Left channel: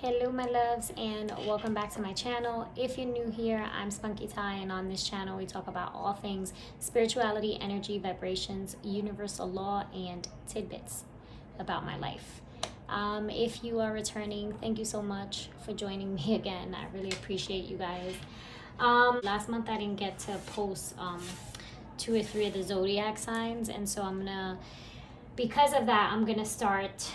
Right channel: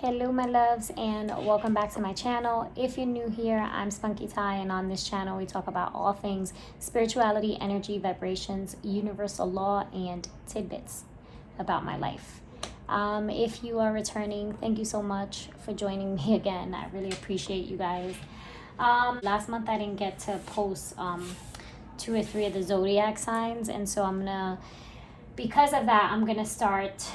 Hello my loves, and welcome back to my channel. If you're new here, I'm Spunky Ty, and on this channel we talk about all things spirituality, energy, vibrations, universal law, and tidbits about my life. If you are returning, thank you so much for joining me again. I really appreciate you guys. Last month I didn't get to post 2 or 3 of the zodiac signs, and so because of that, I'm gonna start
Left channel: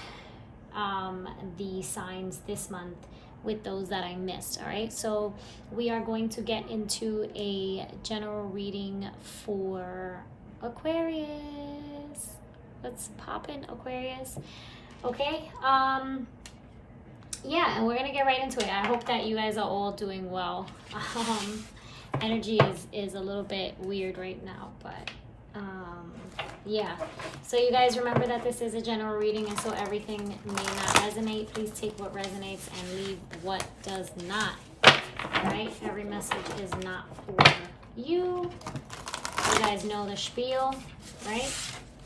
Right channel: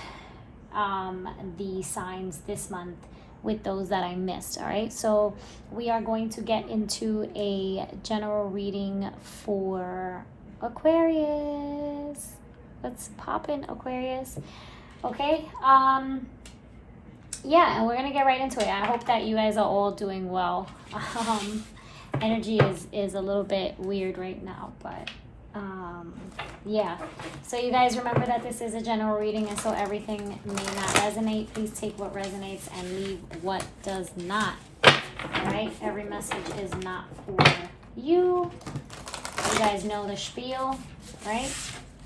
the signs this month with those that I missed. All right, so we are going to get into a general reading for Aquarius. Let's pop in Aquarius. Okay, yeah, and we're gonna get right into it. I hope that you guys are all doing well. Energy is a little bit weird right now, but yeah, so you guys remember that this is a general reading, and so everything may not resonate. Please take what resonates and leave what does not. All right, every message is not for you. You guys know the spiel, right?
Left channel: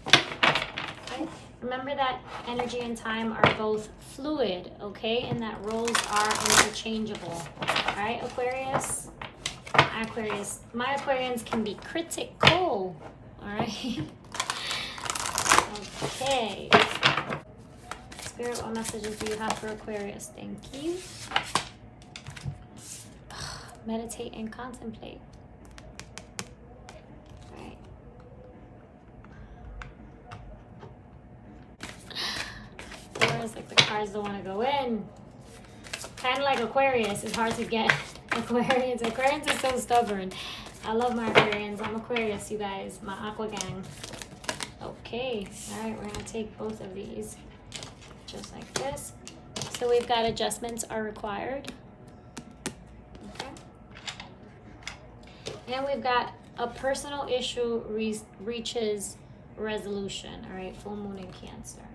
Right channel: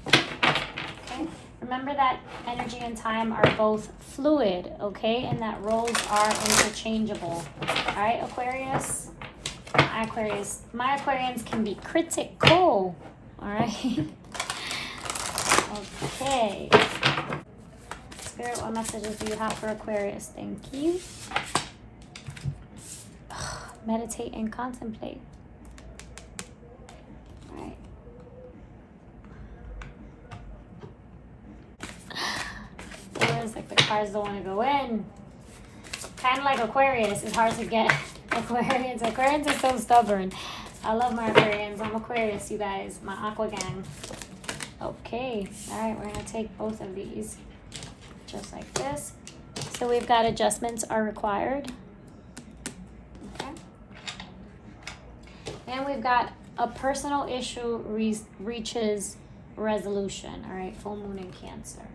Okay. Remember that energy and time are both fluid, okay, and that roles are interchangeable. All right, Aquarius, my Aquarians can be critical. All right. Okay. Spirit, what messages do you have for Aquarius? Thank you. Meditate and contemplate. All right. It's like the cards don't want to go in. Kind of like Aquarius. It's hard to get Aquarians. Aquarians are so stubborn. I love my Aquarians. I'm Aquarius, you guys. My Aqua gang. Okay, all right, we're gonna take both of these just like this. So we've got adjustments are required. Okay. Then we've got a personal issue reaches resolution. All right, full moon in Cancer.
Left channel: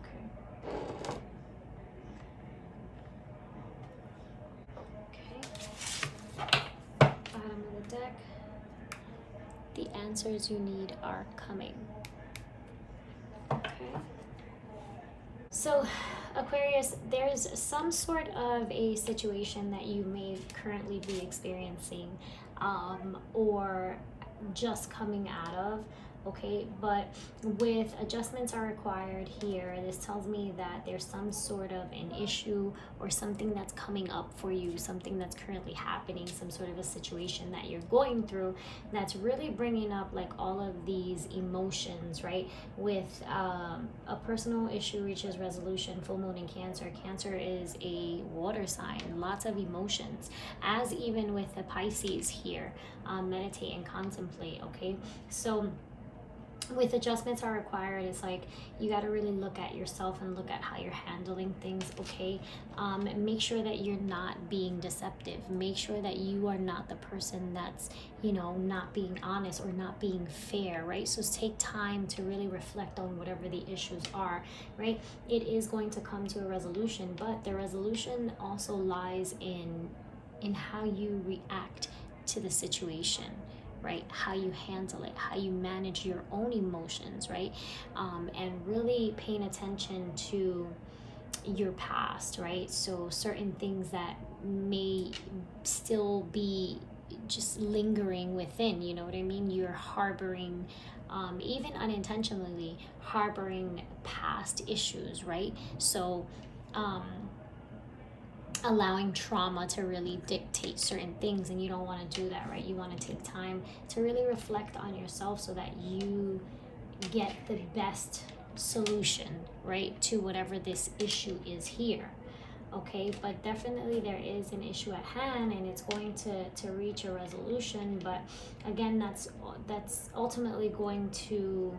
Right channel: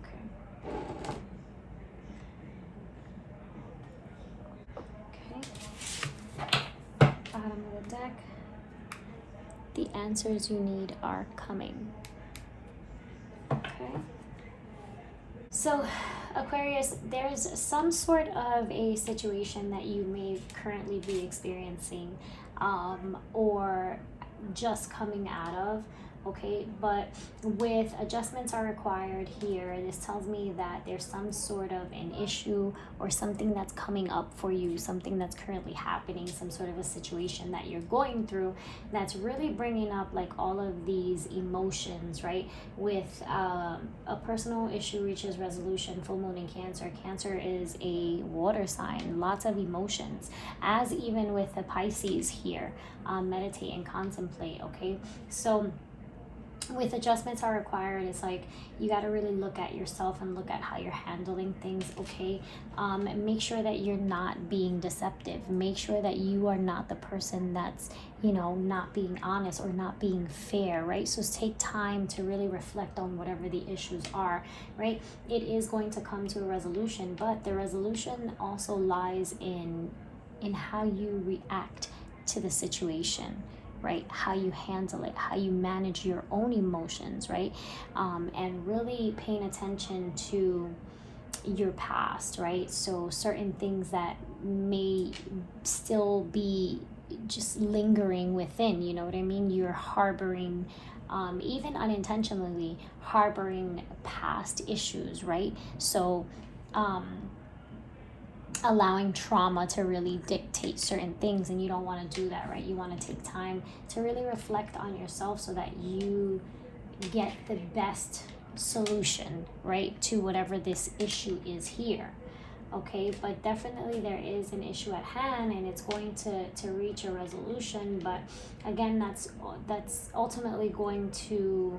Okay. Okay. Bottom of the deck. The answers you need are coming. Okay. So, Aquarius, there's some sort of a situation that you may currently be experiencing or just coming out of. Okay, but with adjustments are required here, this tells me that there's some sort of an issue or something that's coming up for you, something that's currently happening, some sort of a situation that you're going through that's really bringing up like all of these emotions, right? With a personal issue reaches resolution, full moon in Cancer. Cancer is a water sign, lots of emotions, as even with the Pisces here. Meditate and contemplate, okay? So with adjustments are required, it's like you got to really look at yourself and look at how you're handling things, okay? Make sure that you're not being deceptive. Make sure that you are not the person that's, not being honest or not being fair, right? So take time to really reflect on whatever the issues are, right? It is going to come to a resolution, but the resolution also lies in how you react to the situation, right? How you handle it, how you manage your own emotions, right? And really paying attention to your past, right? So certain things that may still be just lingering within, you know what I mean? You're harboring, even unintentionally, harboring past issues, right? So, allowing trauma to really dictate certain things, and you don't want to do that, right? You want to take time to really reflect on yourself so that you get the best solution, right, to whatever this issue is here. Okay, but definitely there is an issue at hand, and it's going to reach a resolution, but again, that's ultimately going to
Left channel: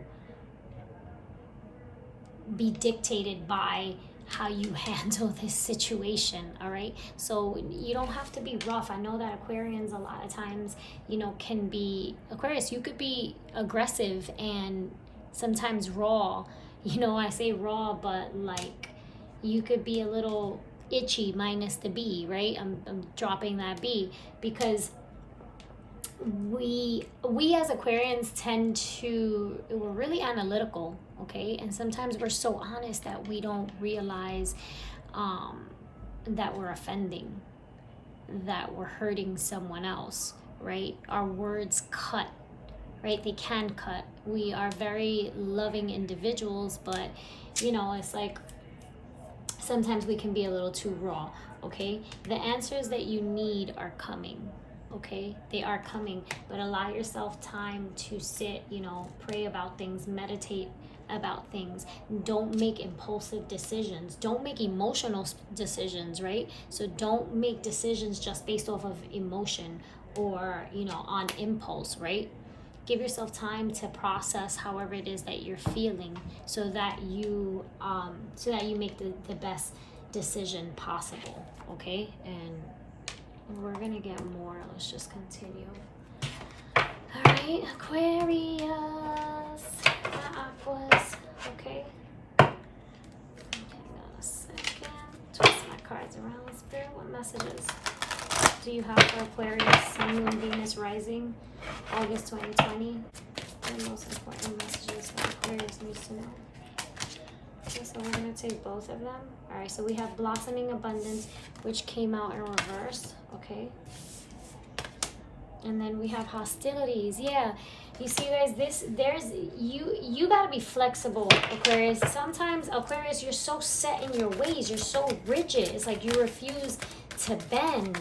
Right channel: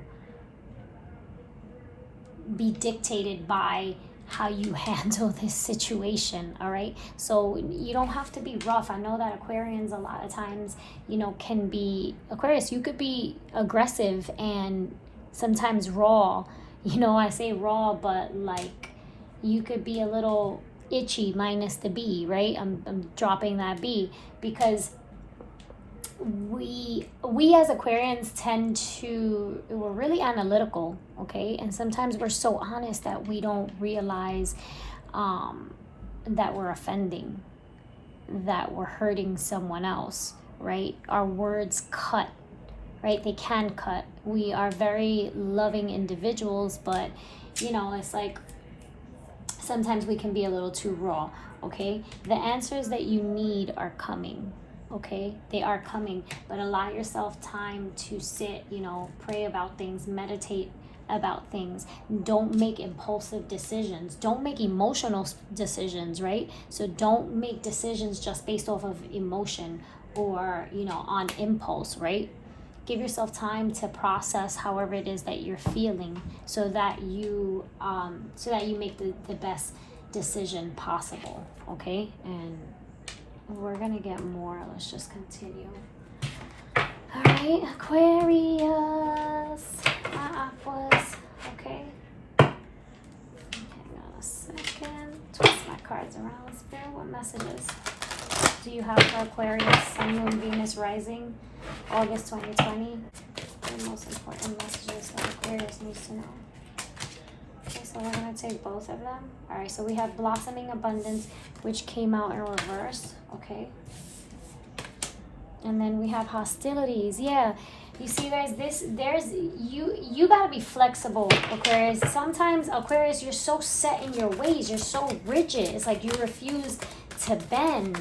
be dictated by how you handle this situation. All right, so you don't have to be rough. I know that Aquarians a lot of times, can be Aquarius, you could be aggressive and sometimes raw. I say raw, but like you could be a little itchy minus the B, right? I'm dropping that B because we as Aquarians we're really analytical, okay? And sometimes we're so honest that we don't realize that we're offending, that we're hurting someone else, right? Our words cut, right? They can cut. We are very loving individuals, but it's like sometimes we can be a little too raw, okay? The answers that you need are coming, okay? They are coming, but allow yourself time to sit, pray about things, meditate about things. Don't make impulsive decisions. Don't make emotional decisions, right? So don't make decisions just based off of emotion or, on impulse, right? Give yourself time to process however it is that you're feeling, so that you make the best decision possible, okay? And we're gonna get more. Let's just continue. All right, Aquarius, my Aquas, okay? Hang on a second. Twist my cards around. Spirit, what messages do you have for Aquarius, Sun, Moon, Venus, Rising, August 2020? The most important messages that Aquarius needs to know. Okay, so we're going to take both of them. All right, so we have Blossoming Abundance, which came out in reverse, okay? And then we have Hostilities. Yeah, you see, guys, you got to be flexible, Aquarius. Sometimes, Aquarius, you're so set in your ways. You're so rigid. It's like you refuse to bend.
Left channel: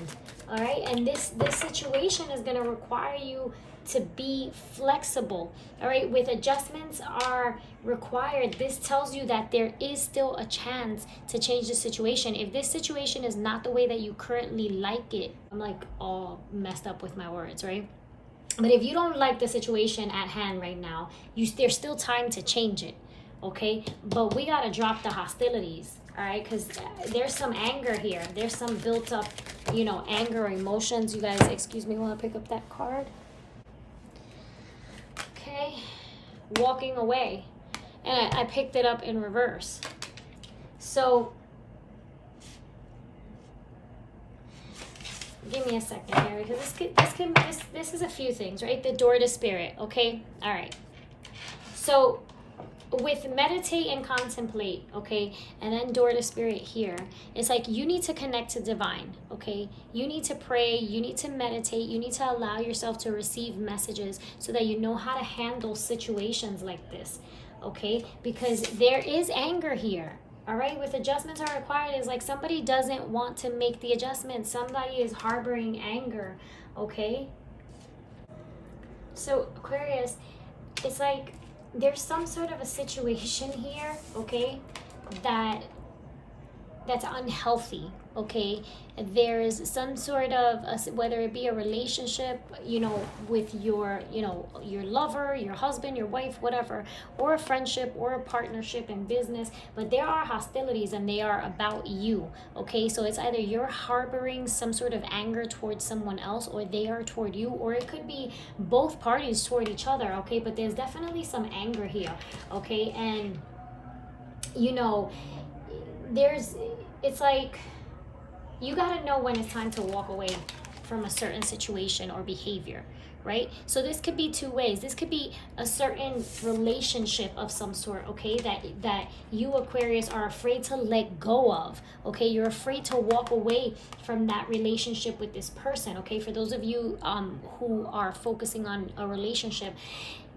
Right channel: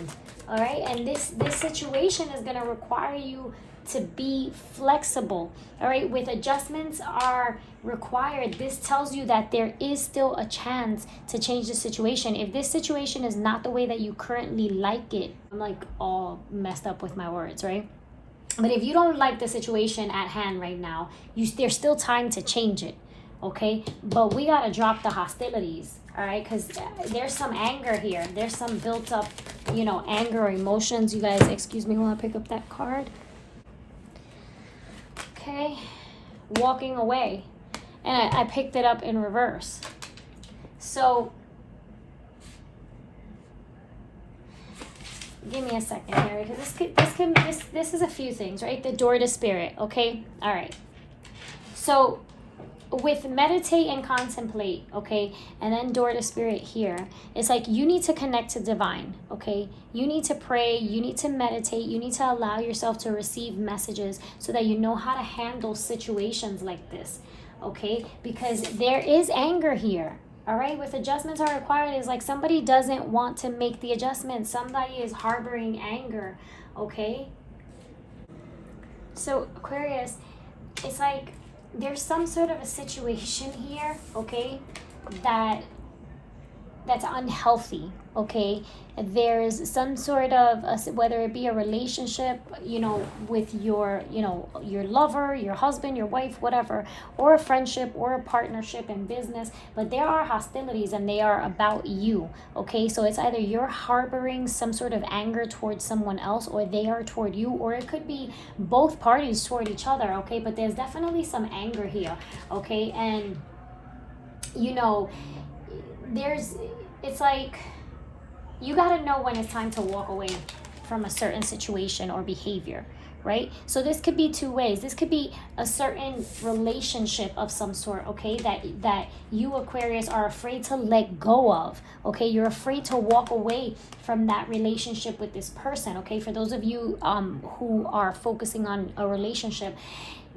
All right, and this situation is going to require you to be flexible. All right, with adjustments are required. This tells you that there is still a chance to change the situation. If this situation is not the way that you currently like it, I'm like all messed up with my words, right? But if you don't like the situation at hand right now, there's still time to change it, okay? But we got to drop the hostilities. All right, because there's some anger here. There's some built up, anger or emotions. You guys, excuse me while I pick up that card. Okay, walking away. And I picked it up in reverse. So, give me a second here, because this is a few things, right? The door to spirit, okay? All right. So, with meditate and contemplate, okay, and then door to spirit here, it's like you need to connect to divine, okay? You need to pray, you need to meditate, you need to allow yourself to receive messages so that you know how to handle situations like this, okay? Because there is anger here, all right? With adjustments are required, it's like somebody doesn't want to make the adjustment. Somebody is harboring anger, okay? So, Aquarius, it's like there's some sort of a situation here, okay, that's unhealthy, okay? There's some sort of whether it be a relationship, with your lover, your husband, your wife, whatever, or a friendship or a partnership in business, but there are hostilities and they are about you, okay? So it's either you're harboring some sort of anger towards someone else, or they are toward you, or it could be both parties toward each other, okay? But there's definitely some anger here, okay? And it's like you got to know when it's time to walk away from a certain situation or behavior, right? So this could be two ways. This could be a certain relationship of some sort, okay, that you, Aquarius, are afraid to let go of, okay? You're afraid to walk away from that relationship with this person, okay? For those of you who are focusing on a relationship,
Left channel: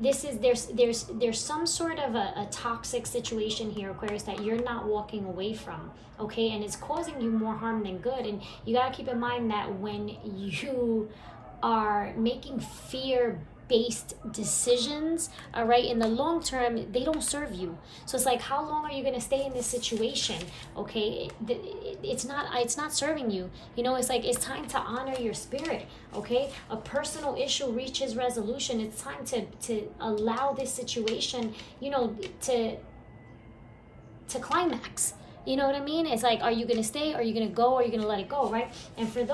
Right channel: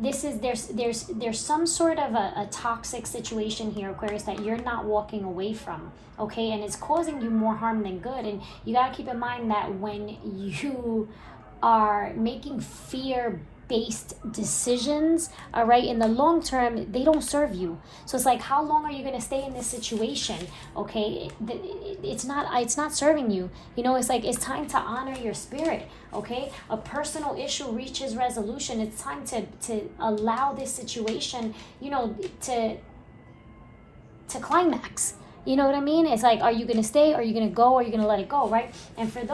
there's some sort of a toxic situation here, Aquarius, that you're not walking away from, okay? And it's causing you more harm than good. And you got to keep in mind that when you are making fear-based decisions, all right, in the long term, they don't serve you. So it's like, how long are you going to stay in this situation, okay? It's not serving you. It's like, it's time to honor your spirit, okay? A personal issue reaches resolution. It's time to allow this situation, to climax. You know what I mean? It's like, are you going to stay? Are you going to go? Or are you going to let it go, right? And for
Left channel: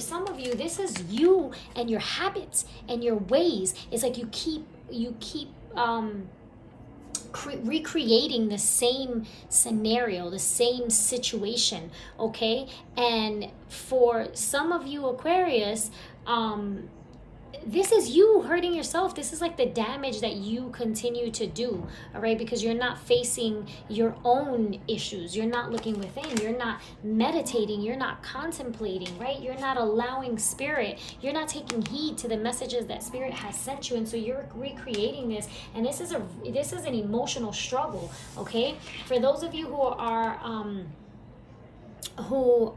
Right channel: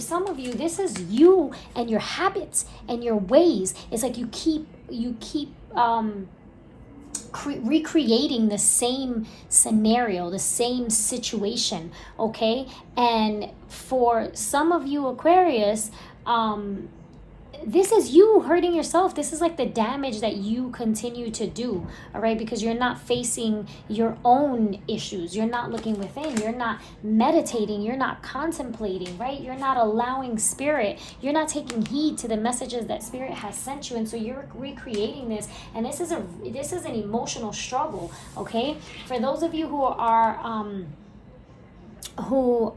some of you, this is you and your habits and your ways. It's like you keep recreating the same scenario, the same situation, okay? And for some of you, Aquarius, this is you hurting yourself. This is like the damage that you continue to do, all right? Because you're not facing your own issues. You're not looking within. You're not meditating. You're not contemplating, right? You're not allowing spirit. You're not taking heed to the messages that spirit has sent you. And so you're recreating this. And this is an emotional struggle, okay? For those of you who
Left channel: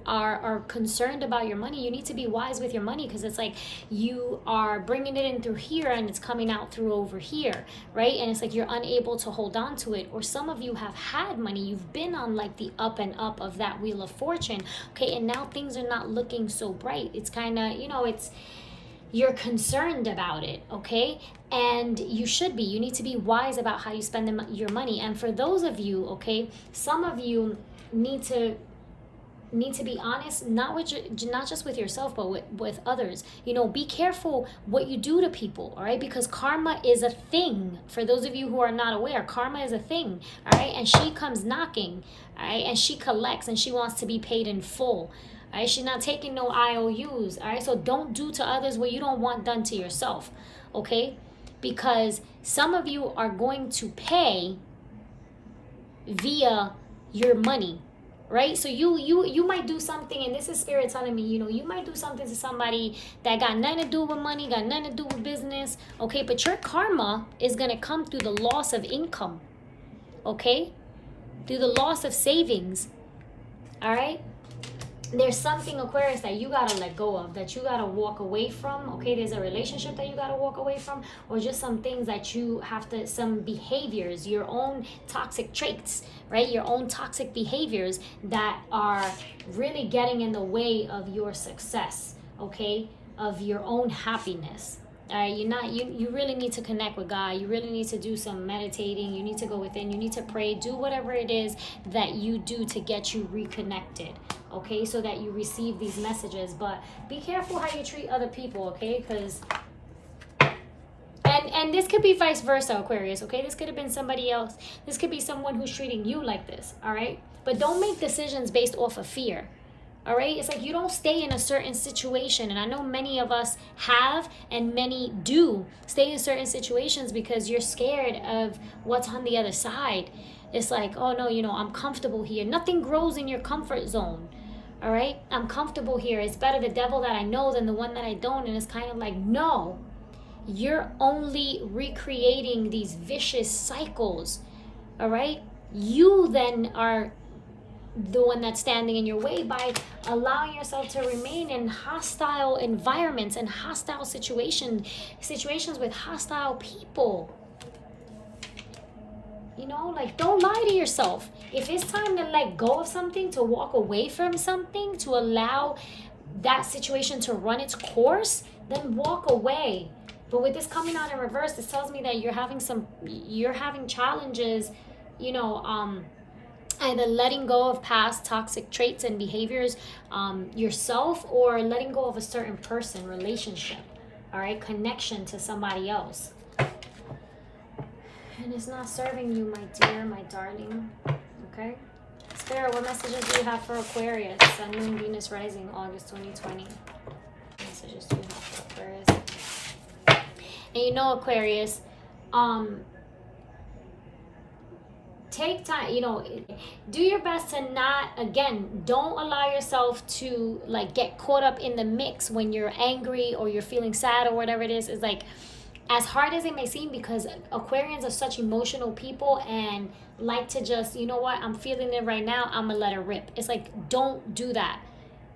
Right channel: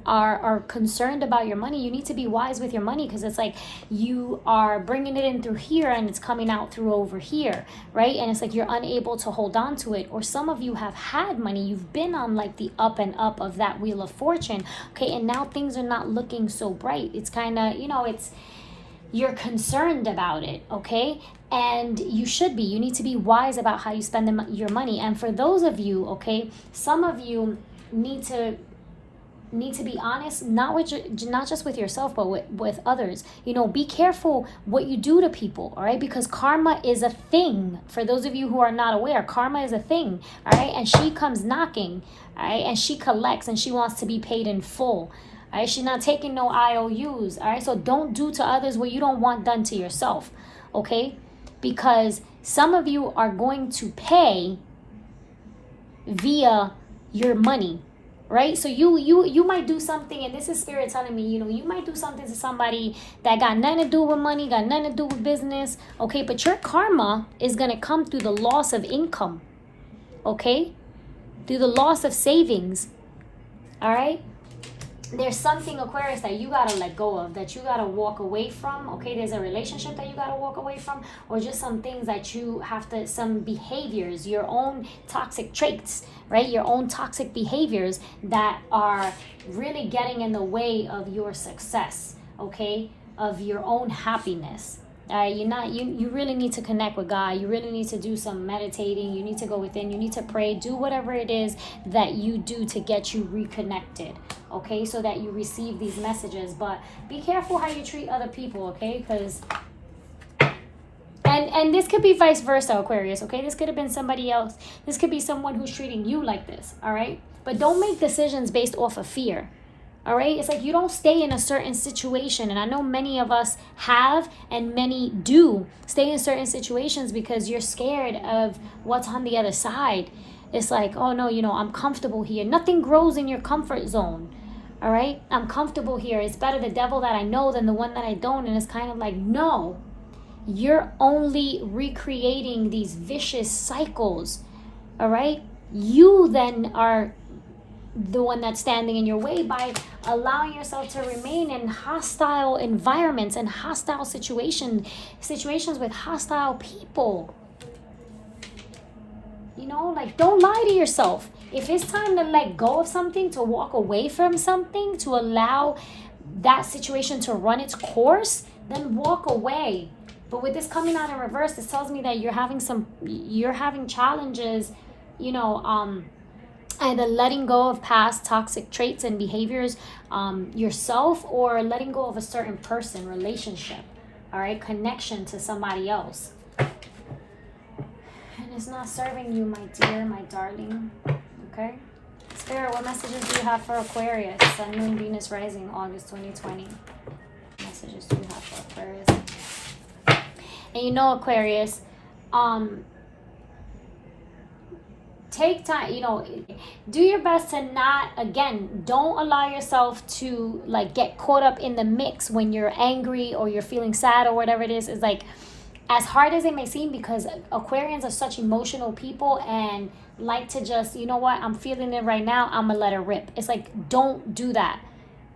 are concerned about your money, you need to be wise with your money, because it's like you are bringing it in through here and it's coming out through over here, right? And it's like you're unable to hold on to it. Or some of you have had money, you've been on like the up and up of that wheel of fortune, okay, and now things are not looking so bright. It's kind of, you're concerned about it, okay? And you should be. You need to be wise about how you spend your money. And for those of you, okay, some of you need to be honest, not just with yourself, but with others. Be careful what you do to people, all right? Because karma is a thing. For those of you who are not aware, karma is a thing, all right? And she comes knocking, all right? And she collects, and she wants to be paid in full, all right? She's not taking no IOUs, all right? So don't do to others what you don't want done to yourself, okay? Because some of you are going to pay via your money, right? So you might do something, and this is spirit telling me, you might do something to somebody that got nothing to do with money, got nothing to do with business, okay? But your karma is going to come through the loss of income, okay? Through the loss of savings, all right? There's something, Aquarius, that you got to let go of, that you got to walk away from, okay? There's a relationship that you got to walk away from, or just some things that you have to, some behaviors, your own toxic traits, right? Your own toxic behaviors that are really getting in the way of your success, okay? Of your own happiness. You really need to connect with God. You really need to do some meditating. You need to go within. You need to pray. Do whatever it is that you do to get you reconnected, okay? So that you receive these messages. But be careful how you treat other people, okay? Because and this could be vice versa, Aquarius, okay? This could have been somebody else. This could be someone who's treating you like this, all right? But don't make decisions based off of fear, all right? It's like you don't stay in a certain situation. And I know many of us have, and many do stay in certain situations because you're scared of what's on the other side. It's like, oh no, I'm comfortable here. Nothing grows in your comfort zone, all right? I'm comfortable here. It's better the devil that I know than the one that I don't. And it's kind of like, no. You're only recreating these vicious cycles, all right? You then are the one that's standing in your way by allowing yourself to remain in hostile environments and hostile situations with hostile people. Like, don't lie to yourself. If it's time to let go of something, to walk away from something, to allow that situation to run its course, then walk away. But with this coming out in reverse, this tells me that you're having challenges, either letting go of past toxic traits and behaviors yourself, or letting go of a certain person, relationship, all right, connection to somebody else. And it's not serving you, my dear, my darling, okay? Spirit, what messages do you have for Aquarius? Sun, Moon, Venus, Rising, August 2020. What messages do you have for Aquarius? And Aquarius, take time, do your best to not, again, don't allow yourself to like get caught up in the mix when you're angry or you're feeling sad or whatever it is. It's like, as hard as it may seem, because Aquarians are such emotional people and like to just, I'm feeling it right now, I'm gonna let it rip. It's like, don't do that,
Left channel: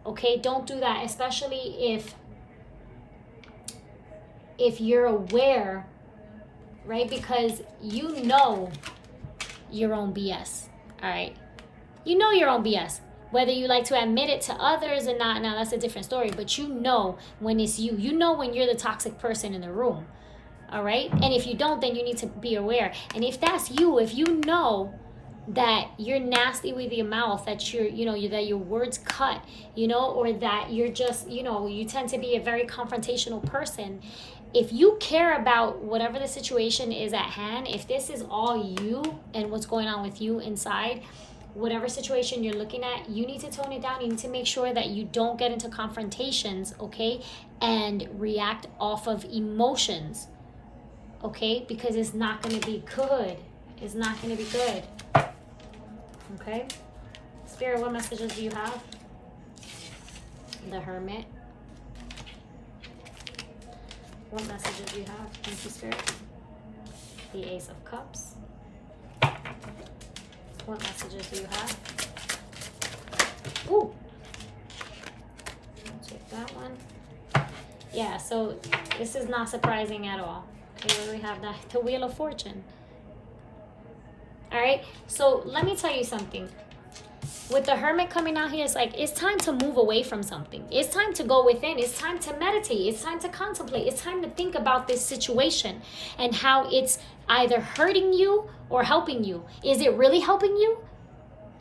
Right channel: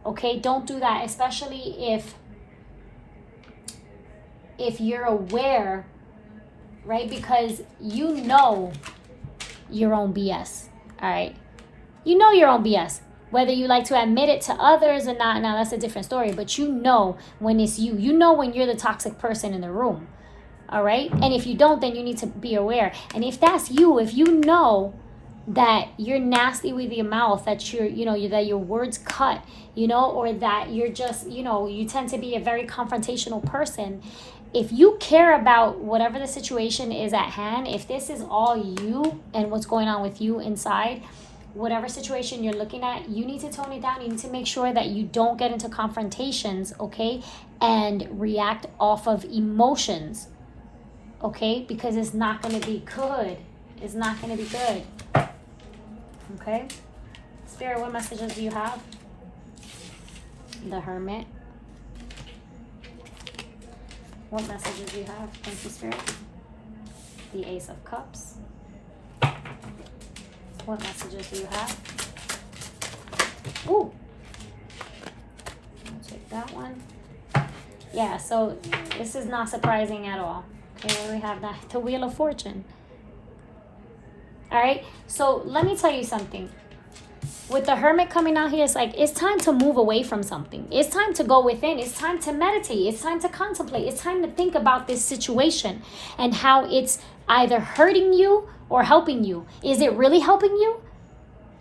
okay? Don't do that, especially if you're aware, right? Because you know your own BS, all right? You know your own BS. Whether you like to admit it to others or not, now that's a different story. But you know when it's you. You know when you're the toxic person in the room, all right? And if you don't, then you need to be aware. And if that's you, if you know that you're nasty with your mouth, that that your words cut, or that you're just, you tend to be a very confrontational person. If you care about whatever the situation is at hand, if this is all you and what's going on with you inside, whatever situation you're looking at, you need to tone it down. You need to make sure that you don't get into confrontations, okay, and react off of emotions, okay, because it's not going to be good. It's not going to be good, okay? Spirit, what messages do you have? The Hermit. What messages do you have? Thank you, Spirit. The Ace of Cups. What messages do you have? Ooh. I'll check that one. Yeah, so this is not surprising at all. Here we have the Wheel of Fortune. All right, so let me tell you something. With the Hermit coming out here, it's like, it's time to move away from something. It's time to go within. It's time to meditate. It's time to contemplate. It's time to think about this situation and how it's either hurting you or helping you. Is it really helping you?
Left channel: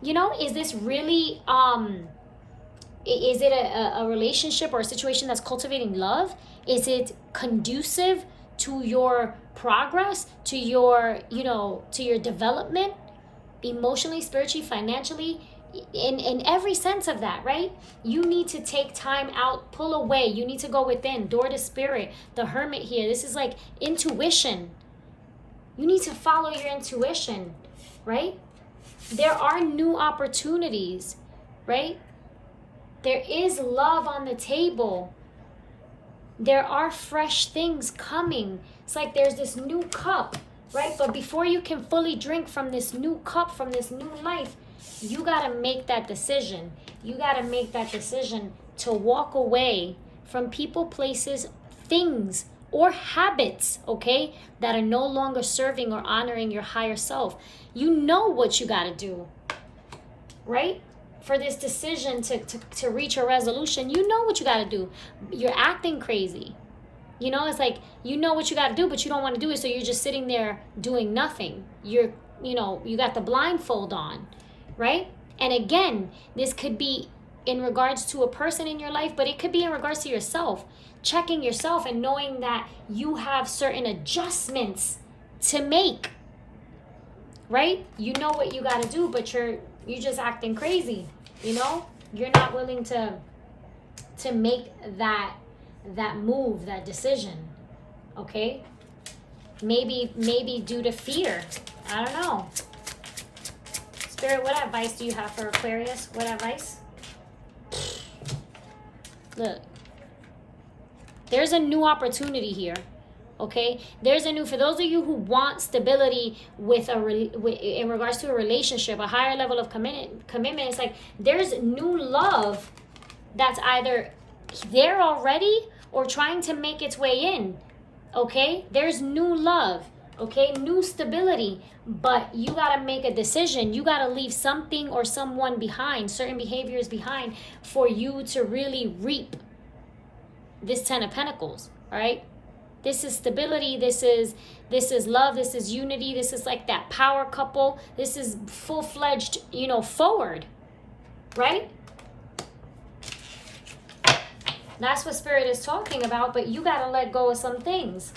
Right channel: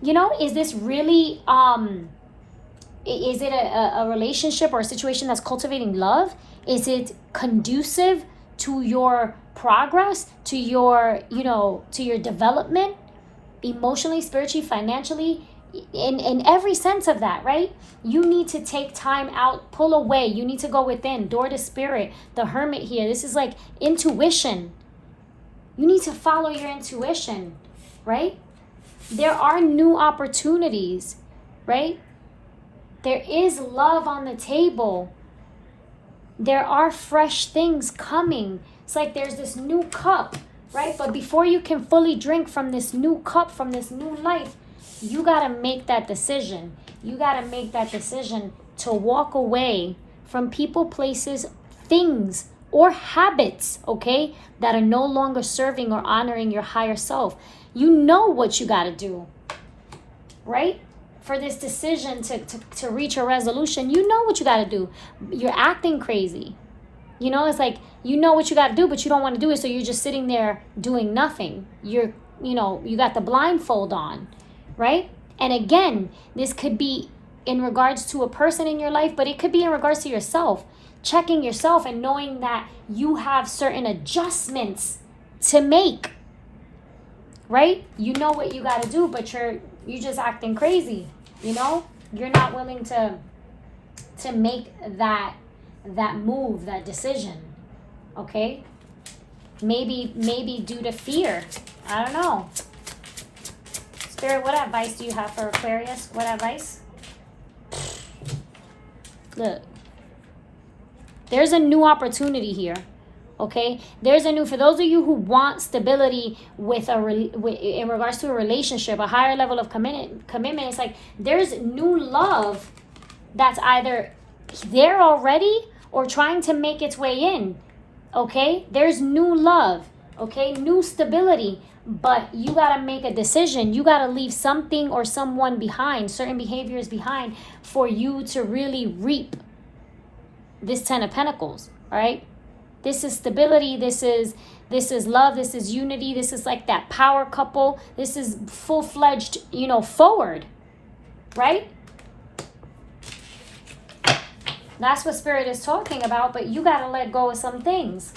You know, is this really, is it a relationship or a situation that's cultivating love? Is it conducive to your progress, to your, you know, to your development, emotionally, spiritually, financially, in every sense of that, right? You need to take time out, pull away. You need to go within, door to spirit. The Hermit here, this is like intuition. You need to follow your intuition, right? There are new opportunities, right? There is love on the table. There are fresh things coming. It's like there's this new cup, right? But before you can fully drink from this new cup, from this new life, you got to make that decision. You got to make that decision to walk away from people, places, things, or habits, okay, that are no longer serving or honoring your higher self. You know what you got to do, right? For this decision to reach a resolution, you know what you got to do. You're acting crazy. You know, it's like, you know what you got to do, but you don't want to do it, so you're just sitting there doing nothing. You got the blindfold on, right? And again, this could be in regards to a person in your life, but it could be in regards to yourself. Checking yourself and knowing that you have certain adjustments to make, right? You know what you got to do, but you're just acting crazy, you know? You're not willing to make that move, that decision, okay? Maybe due to fear. I don't know. Spirit, what advice do you have for Aquarius? What advice? Look. There's a new opportunity here, okay? There's a new, for those of you who want stability in regards to a relationship, a higher level of commitment, it's like there's new love that's either there already or trying to make its way in, okay? There's new love, okay? New stability, but you got to make a decision. You got to leave something or someone behind, certain behaviors behind, for you to really reap this 10 of Pentacles, all right? This is stability. This is love. This is unity. This is like that power couple. This is full-fledged, forward, right? That's what Spirit is talking about, but you got to let go of some things.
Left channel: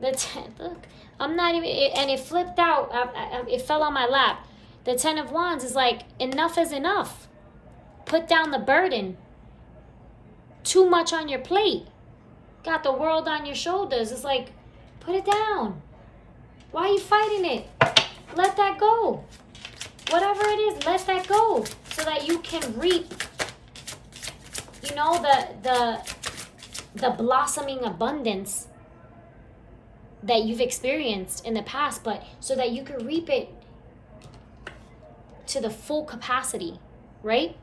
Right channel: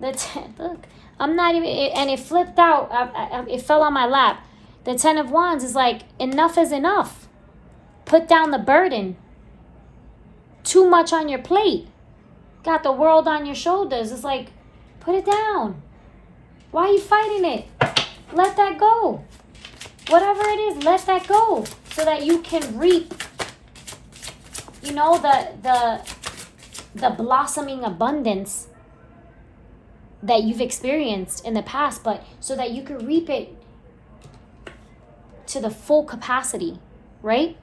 Look, I'm not even, and it flipped out. It fell on my lap. The 10 of Wands is like, enough is enough. Put down the burden. Too much on your plate. Got the world on your shoulders. It's like, put it down. Why are you fighting it? Let that go. Whatever it is, let that go. So that you can reap, the blossoming abundance that you've experienced in the past, but so that you can reap it to the full capacity, right?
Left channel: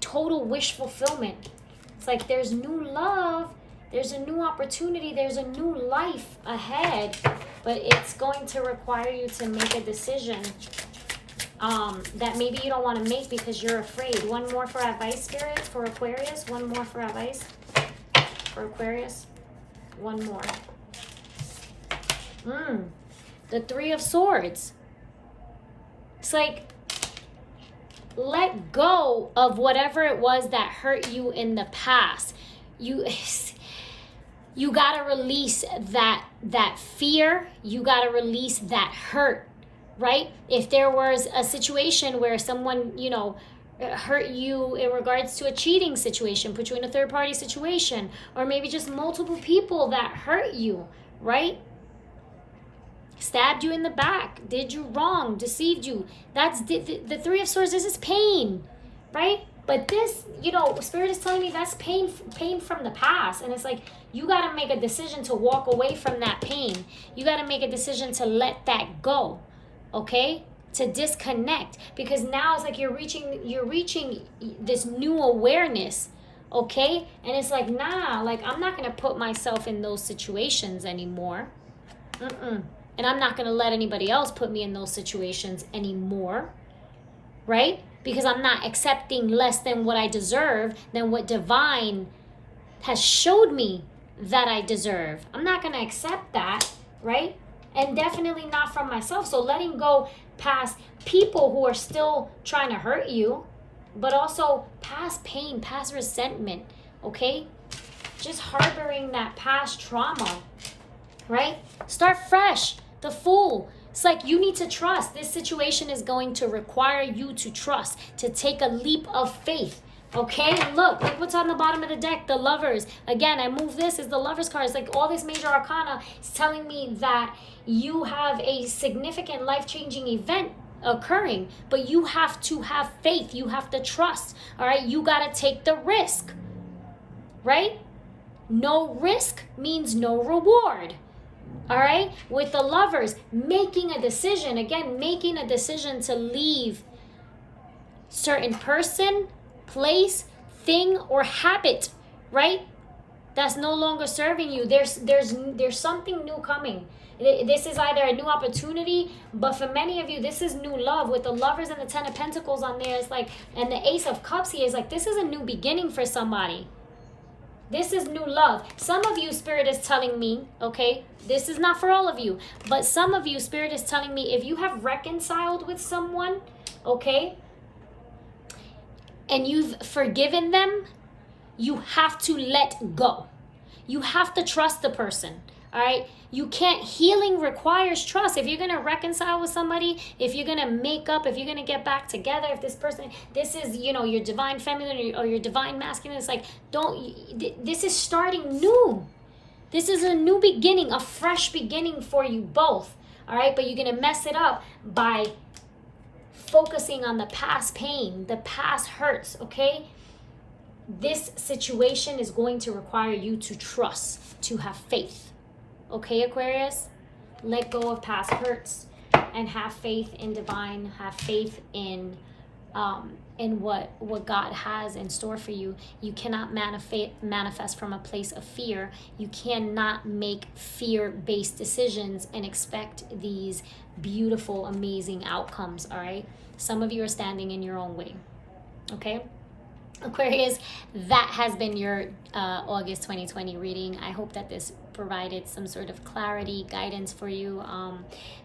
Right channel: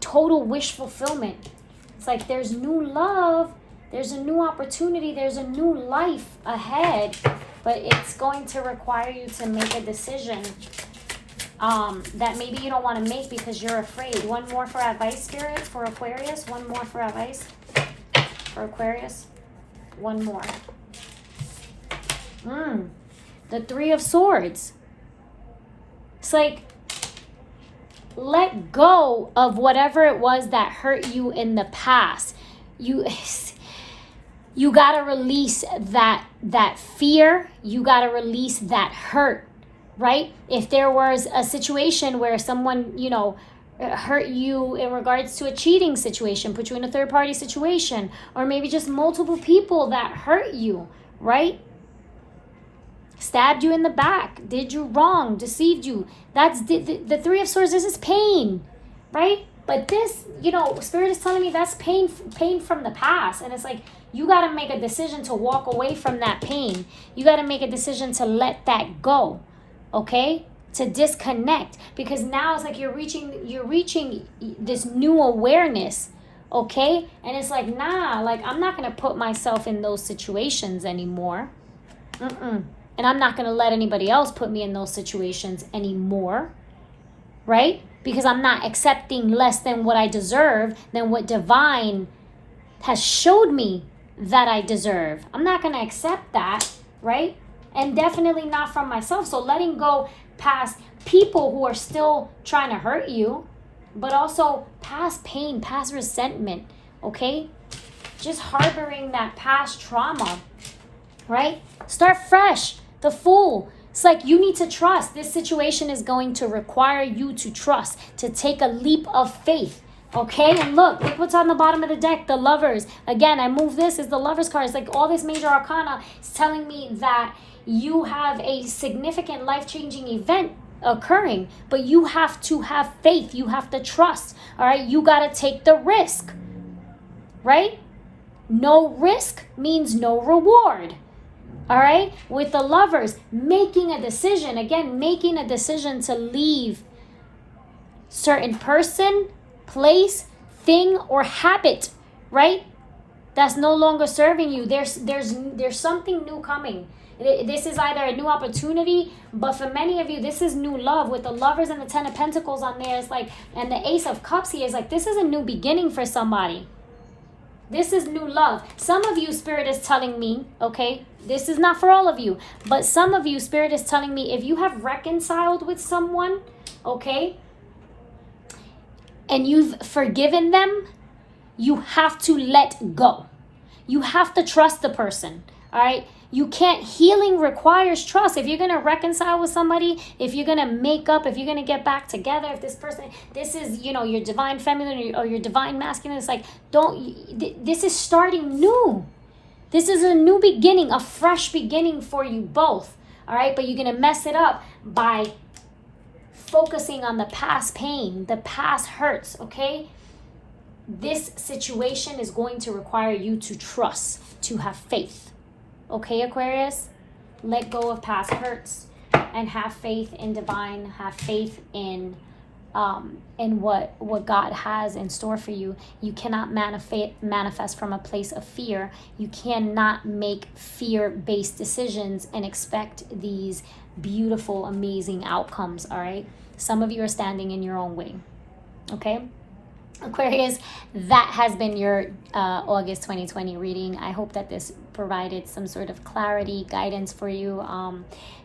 Total wish fulfillment. It's like there's new love, there's a new opportunity, there's a new life ahead, but it's going to require you to make a decision that maybe you don't want to make because you're afraid. One more for advice, Spirit, for Aquarius. One more for advice for Aquarius. One more. The 3 of Swords. It's like, let go of whatever it was that hurt you in the past. You got to release that fear. You got to release that hurt right? If there was a situation where someone, you know, hurt you in regards to a cheating situation, put you in a third party situation, or maybe just multiple people that hurt you, right? Stabbed you in the back, did you wrong, deceived you. That's the Three of Swords. This is pain, right? But this, you know, Spirit is telling me that's pain from the past. And it's like, you got to make a decision to walk away from that pain. You got to make a decision to let that go, okay? To disconnect. Because now it's like you're reaching this new awareness, okay? And it's like, nah, like I'm not going to put myself in those situations anymore. And I'm not going to let anybody else put me in those situations anymore, right? Because I'm not accepting less than what I deserve, than what divine has showed me that I deserve. I'm not going to accept that, right? And definitely not from myself. So letting go past people who are still trying to hurt you, but also past pain, past resentment, okay? Just harboring that past trauma, right? Start fresh. The Fool. It's like you need to trust. This situation is going to require you to trust, to take a leap of faith. Okay? And look what's on the bottom of the deck. The Lovers. Again, I move this as the Lovers card. It's like all this major arcana is telling me that you have a significant life-changing event occurring, but you have to have faith. You have to trust. All right? You got to take the risk. Right? No risk means no reward. All right, with the Lovers, making a decision, again, making a decision to leave certain person, place, thing, or habit, right? That's no longer serving you. There's something new coming. This is either a new opportunity, but for many of you, this is new love. With the Lovers and the Ten of Pentacles on there, it's like, and the Ace of Cups here is like, this is a new beginning for somebody. This is new love. Some of you, Spirit is telling me, okay, this is not for all of you, but some of you, Spirit is telling me, if you have reconciled with someone, okay, and you've forgiven them, you have to let go. You have to trust the person, all right? You can't, healing requires trust. If you're going to reconcile with somebody, if you're going to make up, if you're going to get back together, if this person, this is, you know, your divine feminine or your divine masculine, it's like, this is starting new. This is a new beginning, a fresh beginning for you both, all right? But you're going to mess it up by focusing on the past pain, the past hurts, okay? This situation is going to require you to trust, to have faith. Okay, Aquarius? Let go of past hurts and have faith in divine, have faith in what God has in store for you. You cannot manifest from a place of fear. You cannot make fear-based decisions and expect these beautiful, amazing outcomes, all right? Some of you are standing in your own way, okay? Aquarius, that has been your August 2020 reading. I hope that this provided some sort of clarity, guidance for you.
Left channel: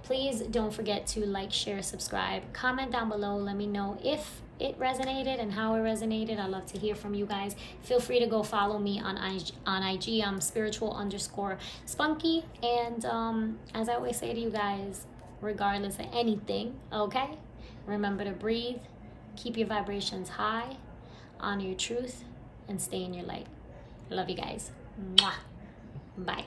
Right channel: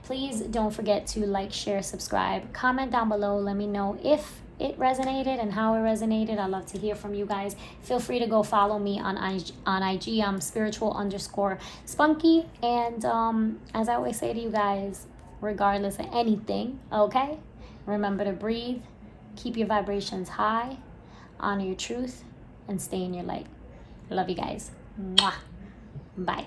Please don't forget to like, share, subscribe, comment down below. Let me know if it resonated and how it resonated. I'd love to hear from you guys. Feel free to go follow me on IG. I'm spiritual_spunky. And as I always say to you guys, regardless of anything, okay, remember to breathe, keep your vibrations high, honor your truth, and stay in your light. Love you guys. Mwah. Bye.